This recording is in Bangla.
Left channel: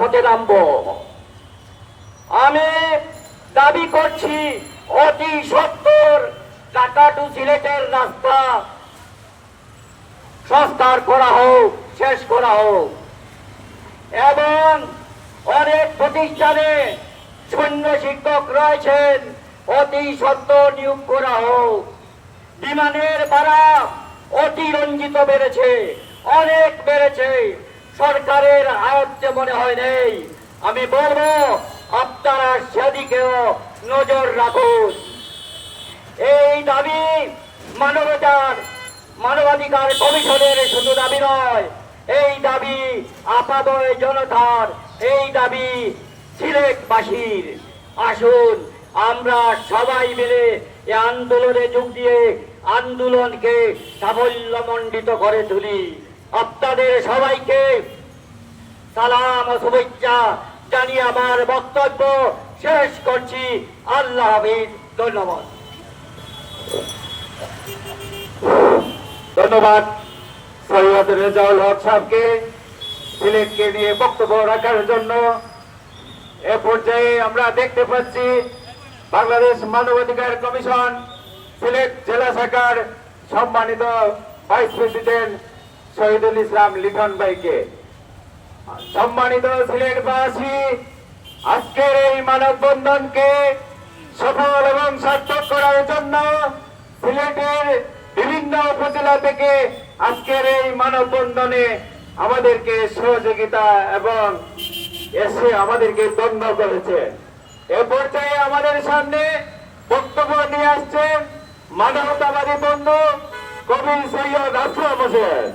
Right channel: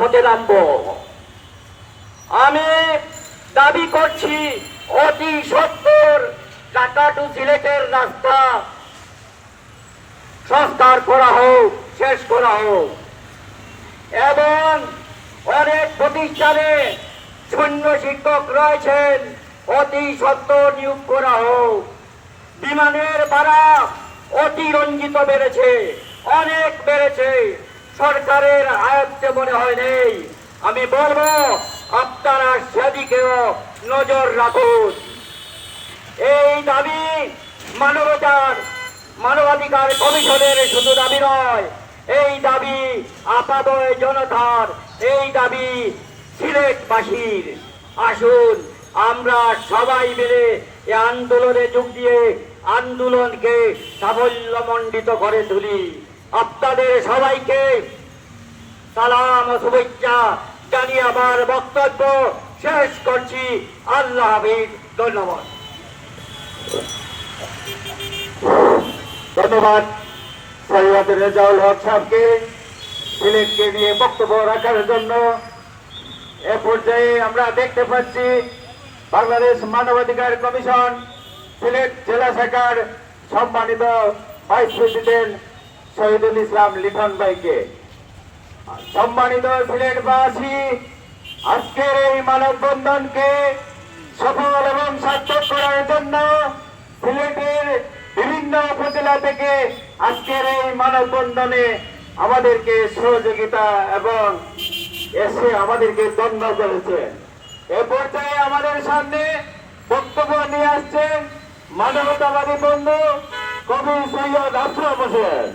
রাজপথে নামব। আমি দাবি করছি, অতি সত্তর ঢাকা টু সিলেটের রাস্তা। সংস্কার করা হোক, শেষ করা হোক। এবং অনেক প্রতিষ্ঠানে শূন্য শিক্ষক রয়েছেন, অতি সত্য নিয়োগ করা হোক। বিমানের ভাড়া অতিরঞ্জিত বেড়েছে, অনেক বেড়েছে। সরকারের আয়ত্তে মনে হয় নেই। আমি বলব, আপনারা সেদিকেও নজর রাখুন। এই দাবি মানবতার, মানবাধিকার কমিশনের শুধু দাবি নয়, এই দাবি আপাদয় জনতার, এই দাবি সিলেটবাসীর। আসুন, আমরা সবাই মিলে এই আন্দোলনে যোগ দিয়ে আন্দোলনকে সাফল্যমণ্ডিত করে তুলি। আপনাদের সবাইকে সালাম ও শুভেচ্ছা জানিয়ে আমার বক্তব্য শেষ করছি। আল্লাহ হাফিজ, ধন্যবাদ। ধন্যবাদ সৈয়দ রেজাউল হক সাহেবকে সিলেটকে নিয়ে বক্তব্য রাখার জন্য। এ পর্যায়ে আমরা দেখতে পাচ্ছি বাংলাদেশ মানবাধিকার কমিশন সিলেট জেলা শাখার সম্মানিত ভাইস প্রেসিডেন্ট শহীদুল ইসলাম লিটন ভাইকে। সম্মানিত সিলেটবাসী, আজকের এই মানববন্ধনকে সফল এবং সার্থক করার জন্য সিলেটের বিভিন্ন উপজেলা থেকে আজকের এই মানববন্ধনে আমাদেরকে সহযোগিতা এবং এসে আমাদেরকে দণ্ড করেছে। এ পর্যায়ে আমাদের সামনে বক্তব্য নিয়ে আসছেন মানবতাবাদী বন্ধু কবি সৈয়দ আফসার হোসেন।